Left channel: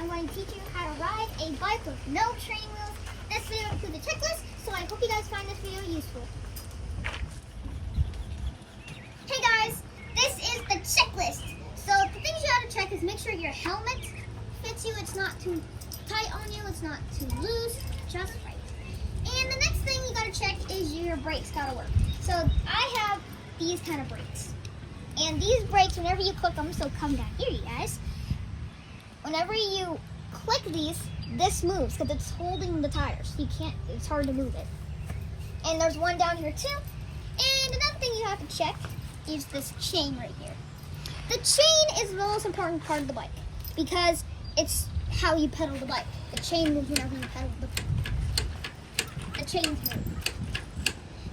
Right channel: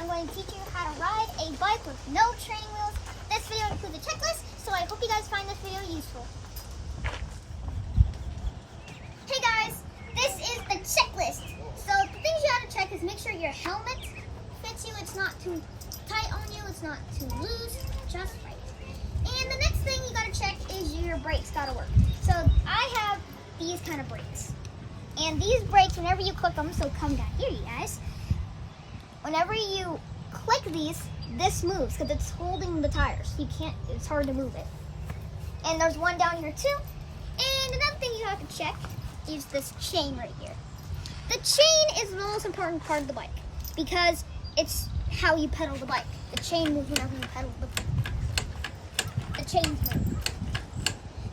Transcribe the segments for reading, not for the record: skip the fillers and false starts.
I'm going to teach you how to ride a bike with no training wheels. This video includes a checklist, so I hope you guys find this video useful. Hey guys, this is the checklist. So the things you have to check is make sure your helmet fits you. It's not too tight on you. It's not too loose. Just right. And the next thing you got to check is your brakes got to work. So I have these kind of brakes. And these brakes, whenever you click them, so come down here, you guys. Whenever you click these, this moves because it's holding the tires. You can't, it's hard to move it. And there's one down here too. And another thing you have to check is this chain right here. The chain is the most important part of the bike because it's how you pedal the bike. The chain moves whenever you pedal the chains move.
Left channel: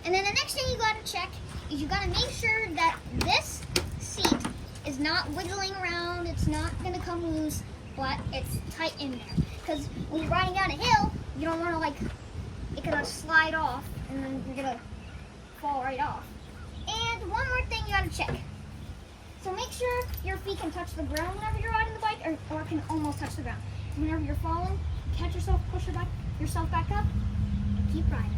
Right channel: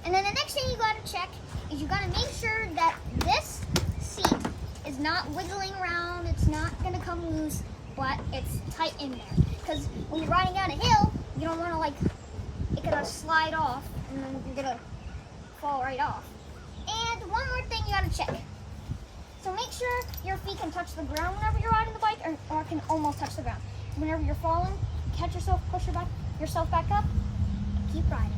And then the next thing you gotta check is you gotta make sure that this seat is not wiggling around. It's not gonna come loose, but it's tight in there. Because when you're riding down a hill, you don't wanna it gonna slide off and then you're gonna fall right off. And one more thing you gotta check. So make sure your feet can touch the ground whenever you're riding the bike or can almost touch the ground. Whenever you're falling, catch yourself, push yourself back up, and keep riding.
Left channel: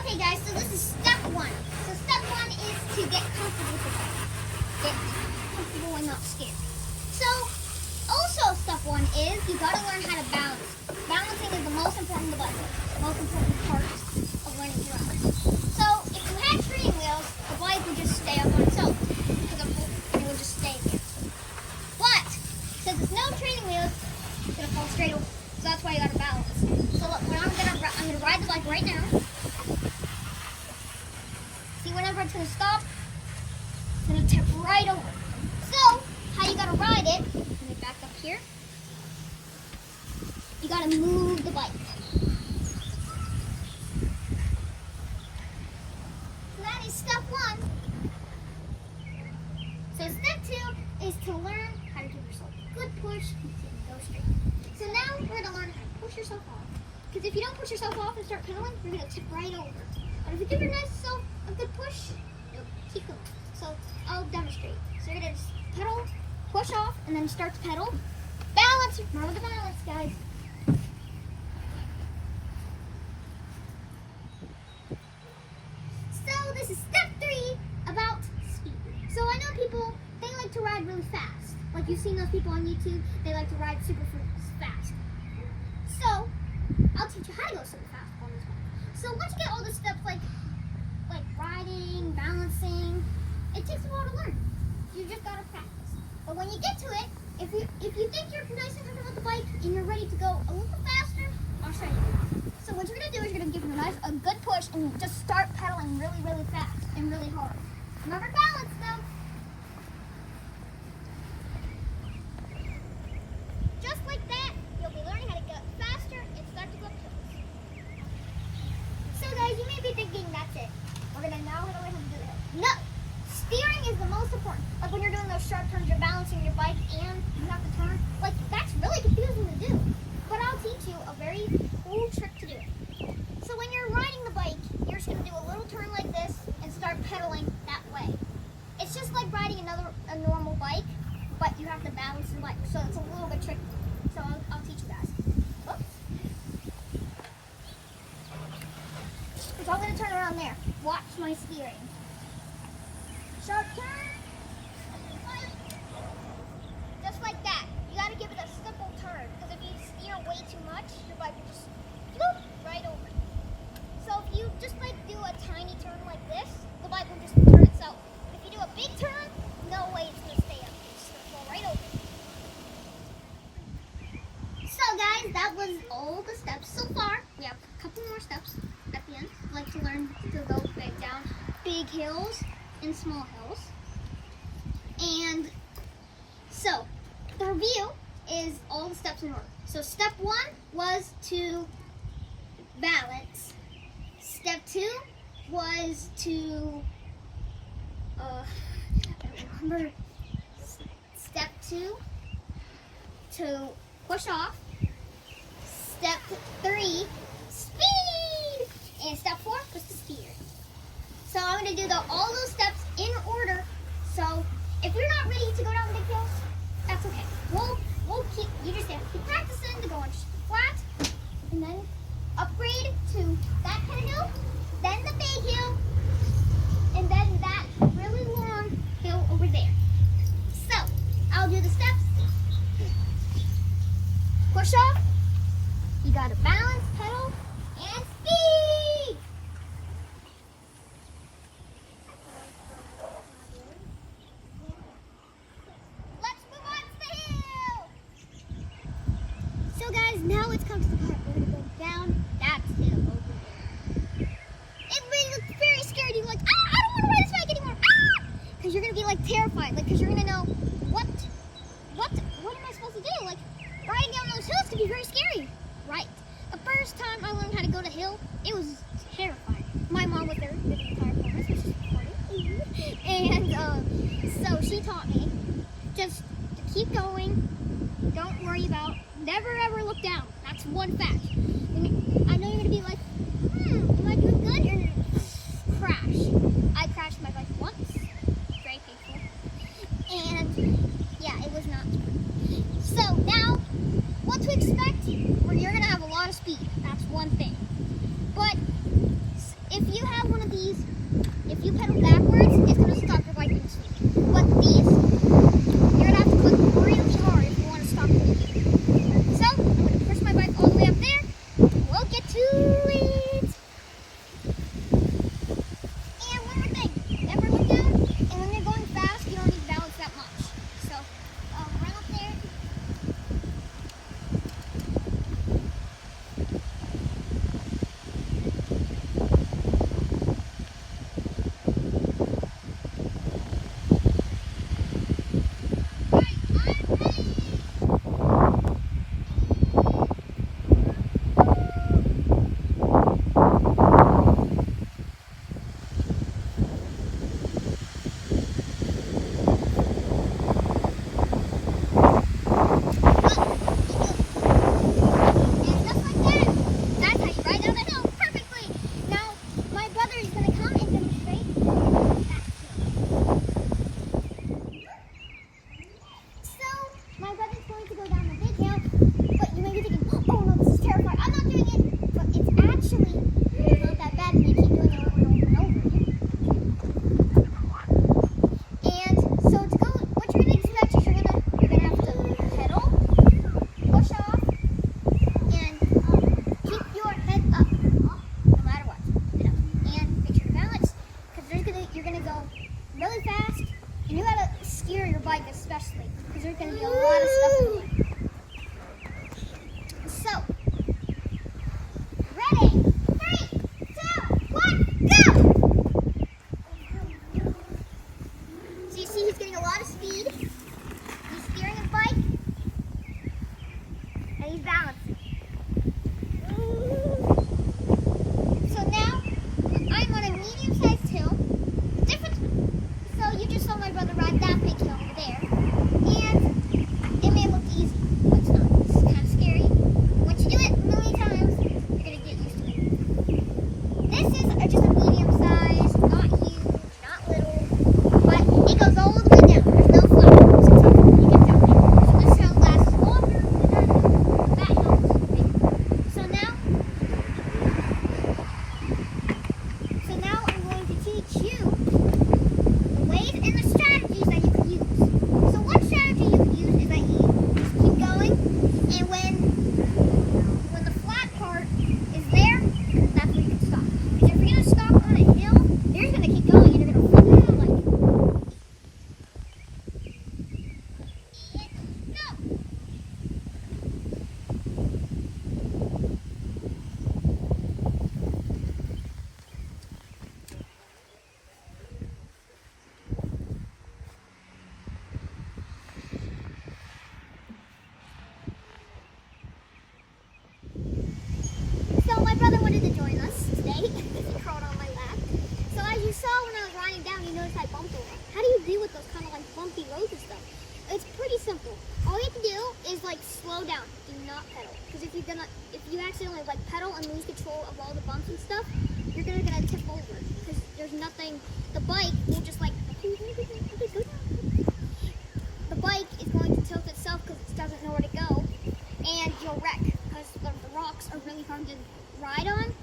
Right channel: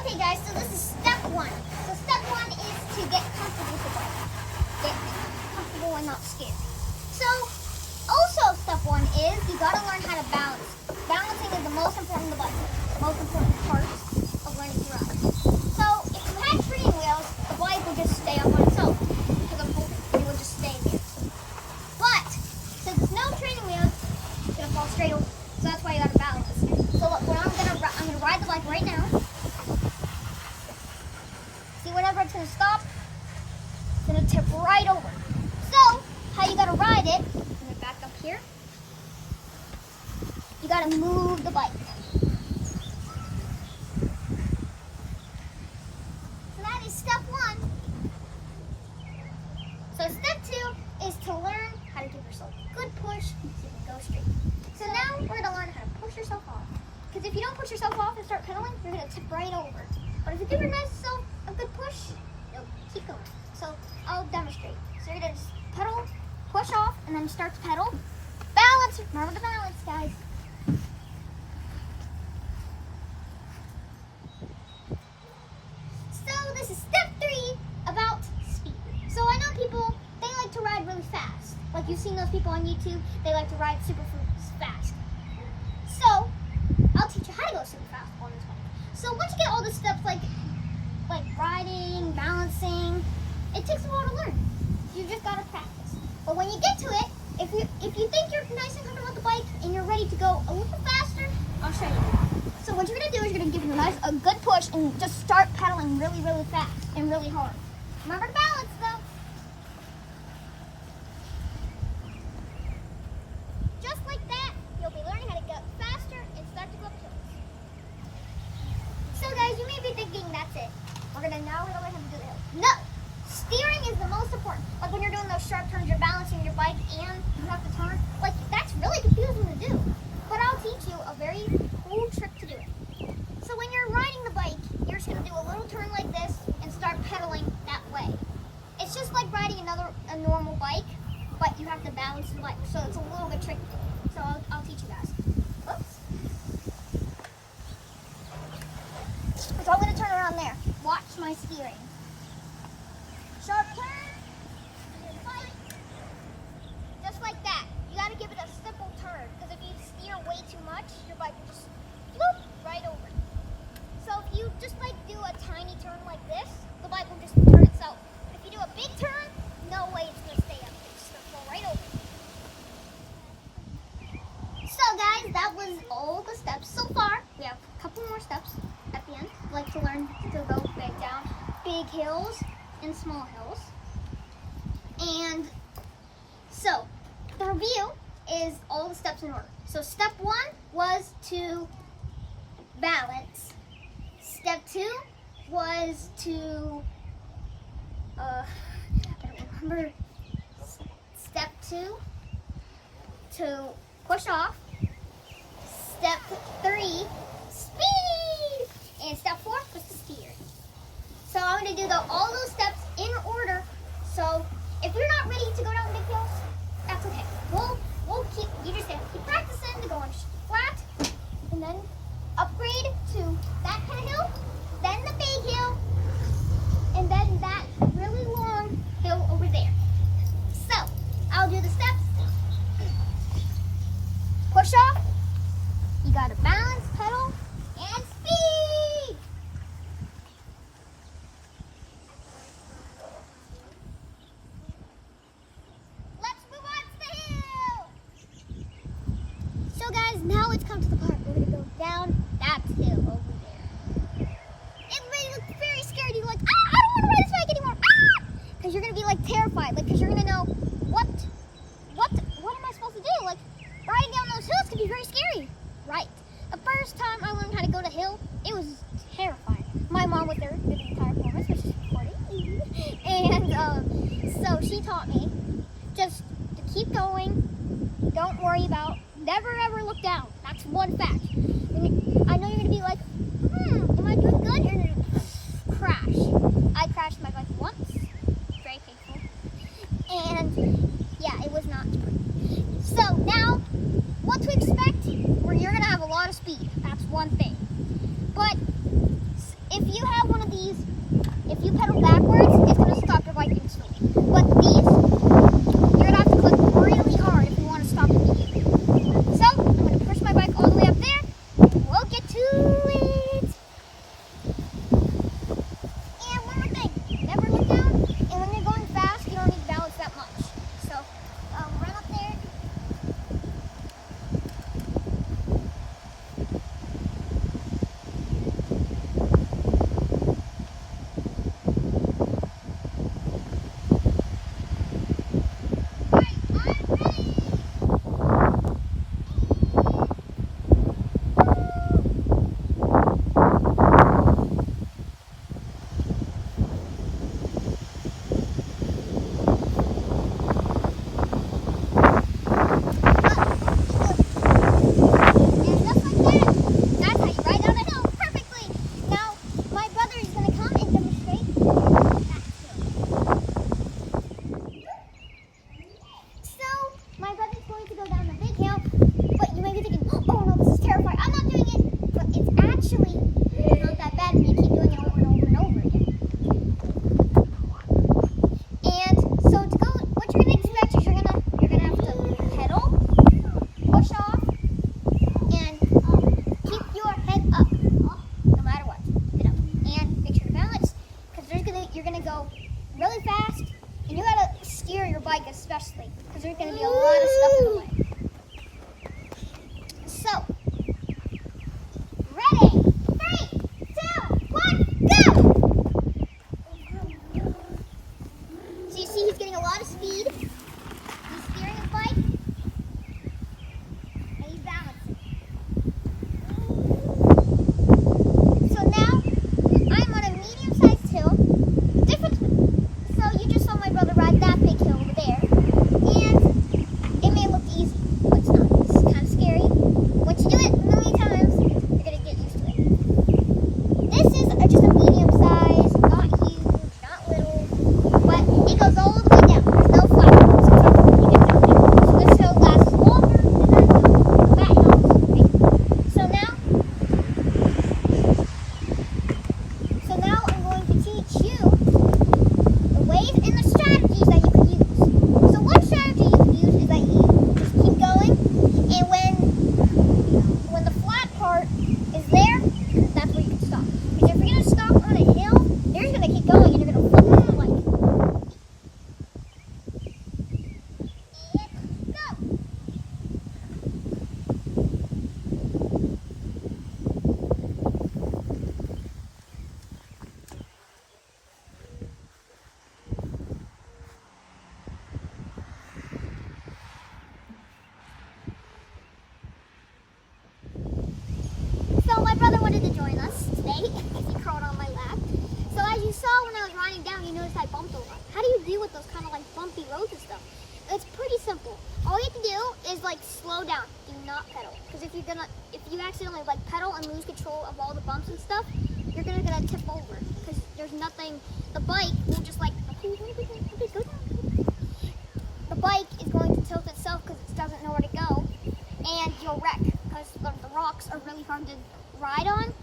Okay guys, so this is step one. So step one is to get comfortable with the bike. Get comfortable and not scared. So also step one is you gotta learn how to balance. Balancing is the most important of the bike. Most important part of learning to ride. So if you had training wheels, the bike would just stay up on itself. Because I'm hoping it would just stay here. But since there's no training wheels, it's gonna fall straight over. So that's why you gotta balance. So look, I'm gonna ride the bike right now. See, whenever it's gonna stop, it's gonna tip right over. So, how you gotta ride it, let me back up here. You gotta move the bike. So that is step one. So step two is to learn how to give yourself a good push so you can go straight. So now we're gonna learn how to push yourself off. Because if you don't push yourself off and start pedaling, you're gonna tip right over. But if you give yourself a good push, you'll keep going. So I'll demonstrate. So you're gonna just pedal, push off, and then start to pedal. Balance, remember the balance, guys. So this is step three about speed. So I know people, they like to ride really fast. Like you've seen those people on YouTube, they like to ride super fast. So I'll teach you how to go super fast on this bike. So once you get all the steps like riding, balancing, it takes a while to learn. You just gotta practice. But when you get to it, if you think you're nice and comfortable with the bike and you're ready to go a little faster, I'll show you. So what you're gonna do is you're gonna give it a good push and just start pedaling really, really fast and really hard. Remember to balance though. Just like that, you'll be learning how to go faster and start to go up hills. So guys, you may be thinking that's it. We're gonna learn how to do the hill. No! Steering is the most important. Like when you're doing those sharp turns, you're balancing your bike and you have to turn. Like that's really confusing to do. But I'll teach you a very cool trick to do it. So when you're riding the bike, you're just gonna do a little turn like this and start pedaling that way. It's just like riding a normal bike, but you have to balance the bike. So it's a little bit tricky. So I'll teach you guys. Oops. So I'm gonna turn around there. Watch my steering. Sharp turn, just like that. You gotta give it a simple turn, because if you steer way too much, your bike will just floop right over. So if you just do a tiny turn like this, the bike will just turn itself. If you do a big turn, no way it's gonna stay up. It's just gonna fall right over. So guys, that was all the steps so far. We have a couple more steps at the end. I'd like to learn to go back down big hills and small hills. And so the review is all the steps in order. So step one was to balance. Step two was to I don't remember. Step two, to push off. Step 3, speed. And step 4 was to steer. So I'm going to do all those steps in order. So if you're not ready to go down the big hill, that's okay. You just have to keep practicing to go on flat, and then upgrade to that kind of hill, then the big hill, and then that really long hill over there. So I'll do the steps. Push off. You got to balance, pedal, and speed. Let's move on to the hill. So guys, now it's come to the part we're going to go down that hill over there. It may look very scary to you, like, I don't want to ride this bike anymore. Because you're going to be like terrified, like, because you're going to know, what am I supposed to do? Like, riding down those hills could be very scary. Right. The first time I learned how to go to hill, it was terrifying. My mom was there for the entire performance, which is recording. And so she taught me just to keep going. Don't worry about, never ever look down. That's one fact. I know you're going to be like, am I doing good? You're going to crash. I crashed my bike once. Very painful. And yeah, it was not good. So now, what to expect? Where you're going to have a lot of speed. That's one thing. But if you have one of these, if you pedal backwards, it's going to stop your bike instantly. But these, you're going to have to click really hard if you want to stop immediately. So, I'm going to push my bike all the way up there. We'll get to it. And one more thing. Never look down. And when you're going fast, you don't need balance that much. So, run up there. Really fast, and you gotta steer your bike especially, because there's gonna be a lot of stuff in the way. So, ready? 3, 2, 1, go! So you see he's getting a lot of speed. He's steering his bike, and he's balancing. So now, I'm on a medium-sized hill. So you just saw my brother ride that big hill over there, and it may look easy, but it's not. It's kind of scary. Once you do it a million times, you're going to get used to it. This is just a medium size, not huge, not little, but it goes all the way down. There's no flat. So you get down there. So this hill lasts longer than that hill. So now I'm going to teach you ways and the strategies that you could use. So one strategy you could use is that you just keep going, and when the flat part is there, that's where you can stop. Because if you're going to stop on a hill, you're just going to keep going and you're going to flip out like it. And go! So my brother wanted to join us today. He crawled on my lap. So as you saw when I was riding down, you noticed I bumped a lot. How do you deal with those kind of like bumpy roads and stuff? It's pretty simple. All you have to do is like slow down. Do not pedal. Because if you accidentally like pedal and lose control of all the bumps and stuff, you're gonna tip over because there's nothing. The bike will just like go down. The bike is going to tilt itself because it doesn't know where to go, and you'll wreck because the rocks are really hard to ride on.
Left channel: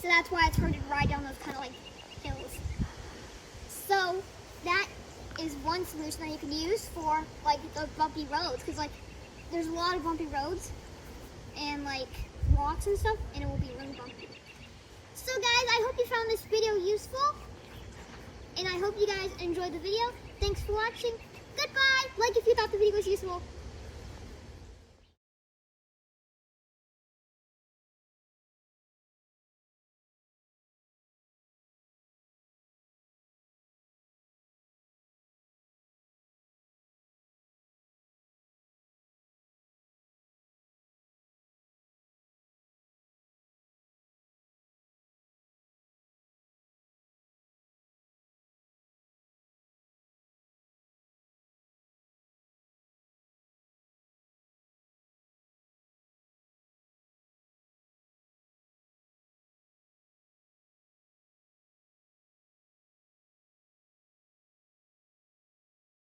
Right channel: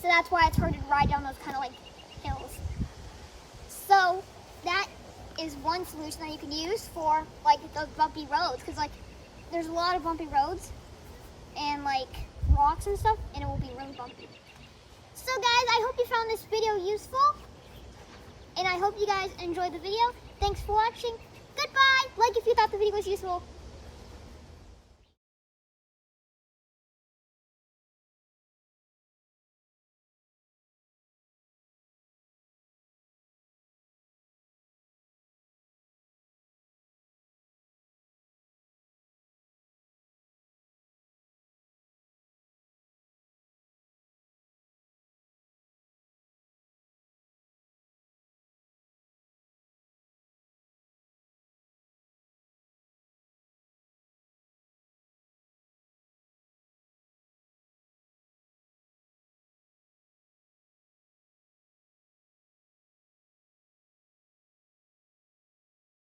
So that's why it's hard to ride down those kind of like hills. So that is one solution that you can use for like those bumpy roads, because like there's a lot of bumpy roads and like rocks and stuff, and it will be really bumpy. So guys, I hope you found this video useful, and I hope you guys enjoyed the video. Thanks for watching. Goodbye. Like if you thought the video was useful.